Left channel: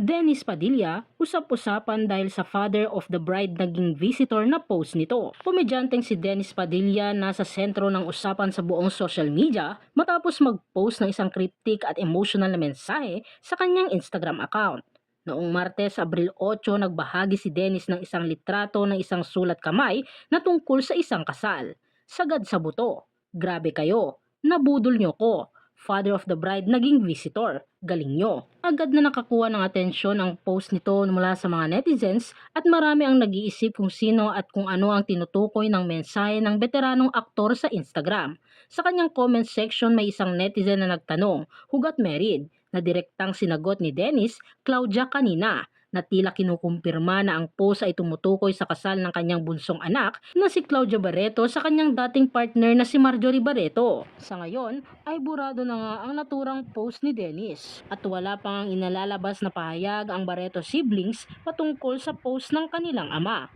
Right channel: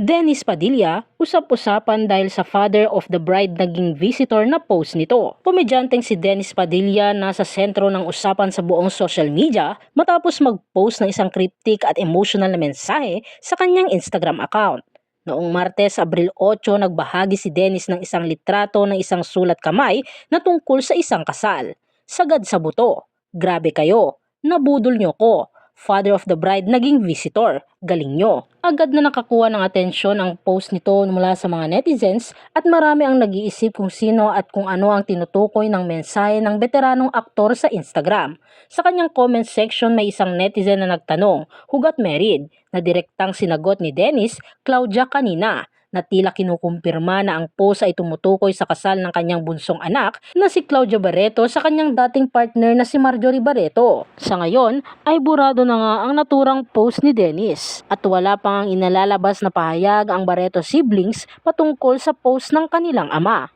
Dennis Padilla, usap-usapan dahil sa father of the bride naging visitor na post nito. Komedyanteng si Dennis Padilla nasa sentro ng usapan sa buong social media matapos mag-post ng isang cryptic at emotional na mensahe sa kanyang Instagram account. Noong Martes, Abril 8, nagbahagi si Dennis ng isang litrato ng isang sulat kamay na tungkol sa isang kasal. Sagad sa buto. Grabe kayo. Nabudol nyo ko. Father of the bride naging visitor. Galing nyo. Agad na nakakuha ng atensyon ang post nito mula sa mga netizens at marami ang nag-iisip kung sino at kung ano ang tinutukoy ng mensahe ng veteranong aktor sa Instagram. Sa kanyang comment section may isang netizen na nagtanong, hugat married, na direktang sinagot ni Dennis, Claudia kanina, na tila kinukumpirma na ang post ay tumutukoy sa kasal ng kanyang bunsong anak na si Claudia Barreto sa kanyang dating partner na si Marjorie Barreto. Sa ngayon ay burado na nga ang naturang post ni Dennis at wala pang ang inalalabas na pahayag ang Barreto siblings patungkol sa post ng kanilang ama.